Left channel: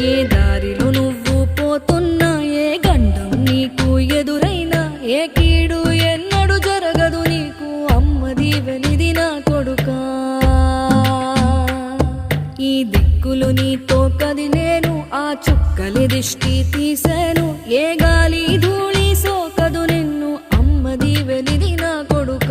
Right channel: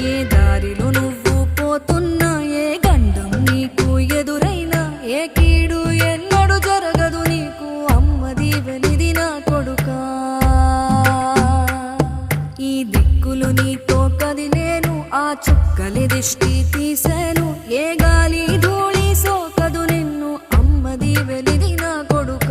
ఏ దారిలో నువ్వు పోతున్నా, ఏ గండం నీకు ఎదురైనా, ఏ కీడు ఎన్నడు జరగదు నీకు, అమ్మ దీవెనిది నా కొడుకా. ఈ దిక్కులు నీతో కదిలేను, ఆ చుక్కలి దిష్టి తీసేను, ఏ గాలి ధూళి సోకదు నిన్ను, అమ్మ దీవెనిది నా కొడుకా.